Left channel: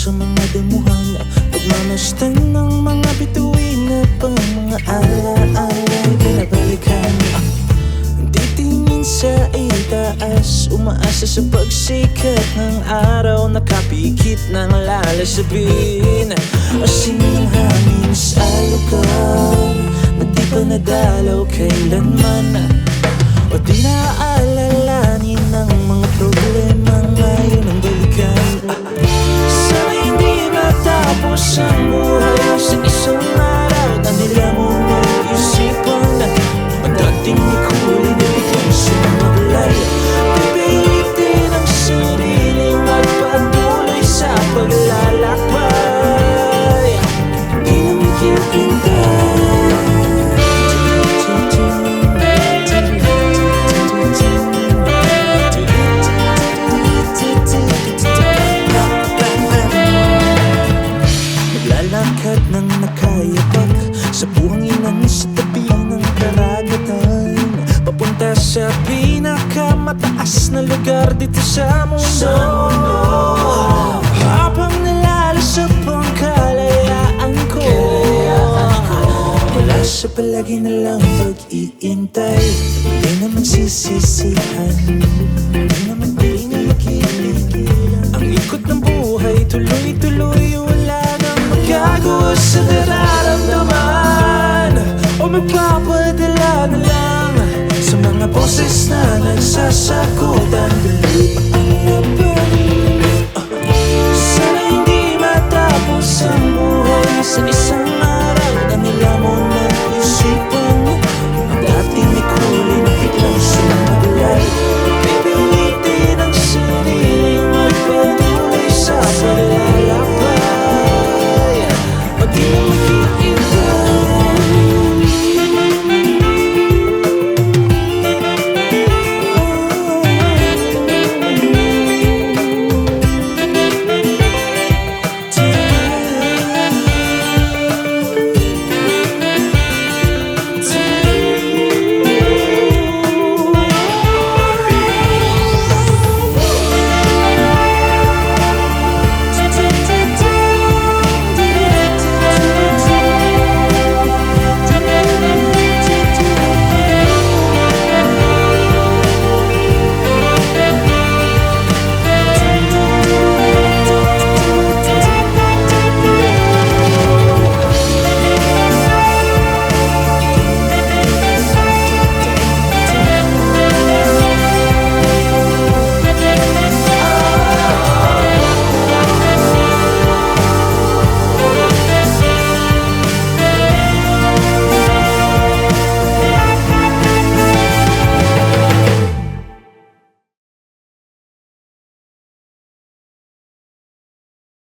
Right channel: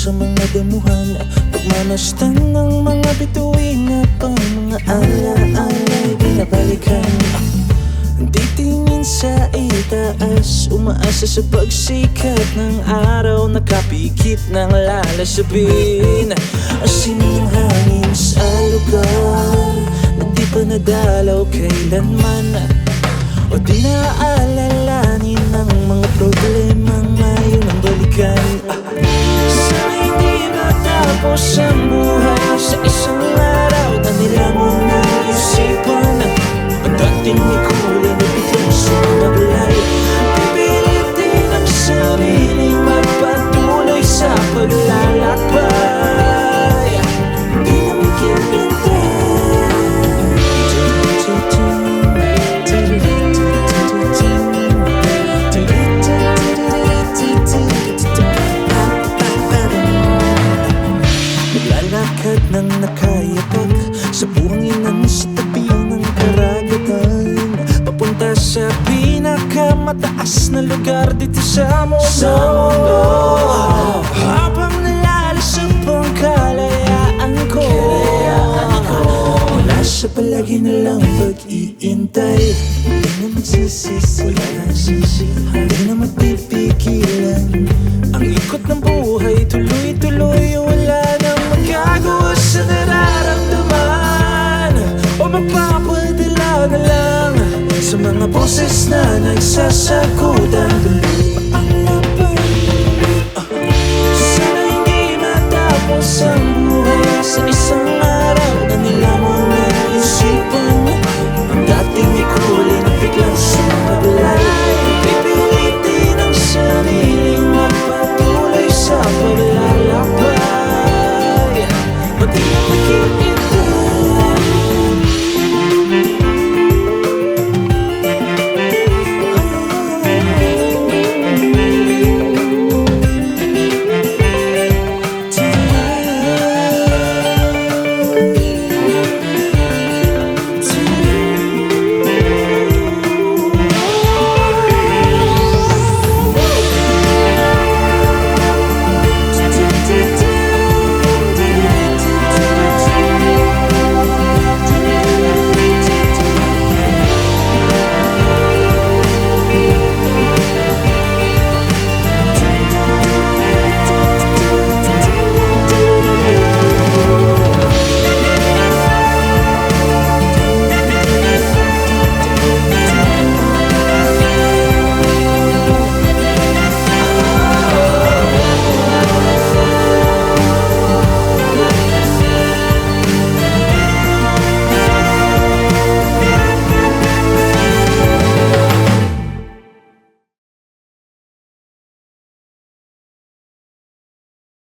sa mga damuhan, pagmamastan ng mga bituin na pang mga ala-ala'y pinabalikan. Titingin sa itaas, umaasa sa pagsikat ng araw, nakapikit ng lalasabin. Asin ng hangin sa lugar na di pa nadalaw kailanman, o di naaalalanin ng mga problema ngayon ang balikan. Sana hindi matapos ang buhay sa isang araw na nilamon ng isipan. Ang dating may kulay na biglang sumablay, pipilitin ang sarili magpatuloy sa paglalakbay. Di na maghihintay. Maglalakad ng nakayapak sa buhanginan sa tabi ng karagatan, papunta sa pinakamataas na lugar dito sa mundo. Habang nalalasap ang kalayaan ko, mula sa palagi na lang pag-iintay, di na magsisisihan, di na magpipigilan. Ang ikot ng buhay tuloy-tuloy, wala nang magagawa sa nararamdaman, o magpapadala na lang sa mga boses na nagsasakutan. Tuloy pa ang laban. Sana hindi matapos ang buhay sa isang araw na nilamon ng isipan. Ang dating may kulay na biglang sumablay, pipilitin ang sariling magpatuloy sa paglalakbay. O di na maghihintay.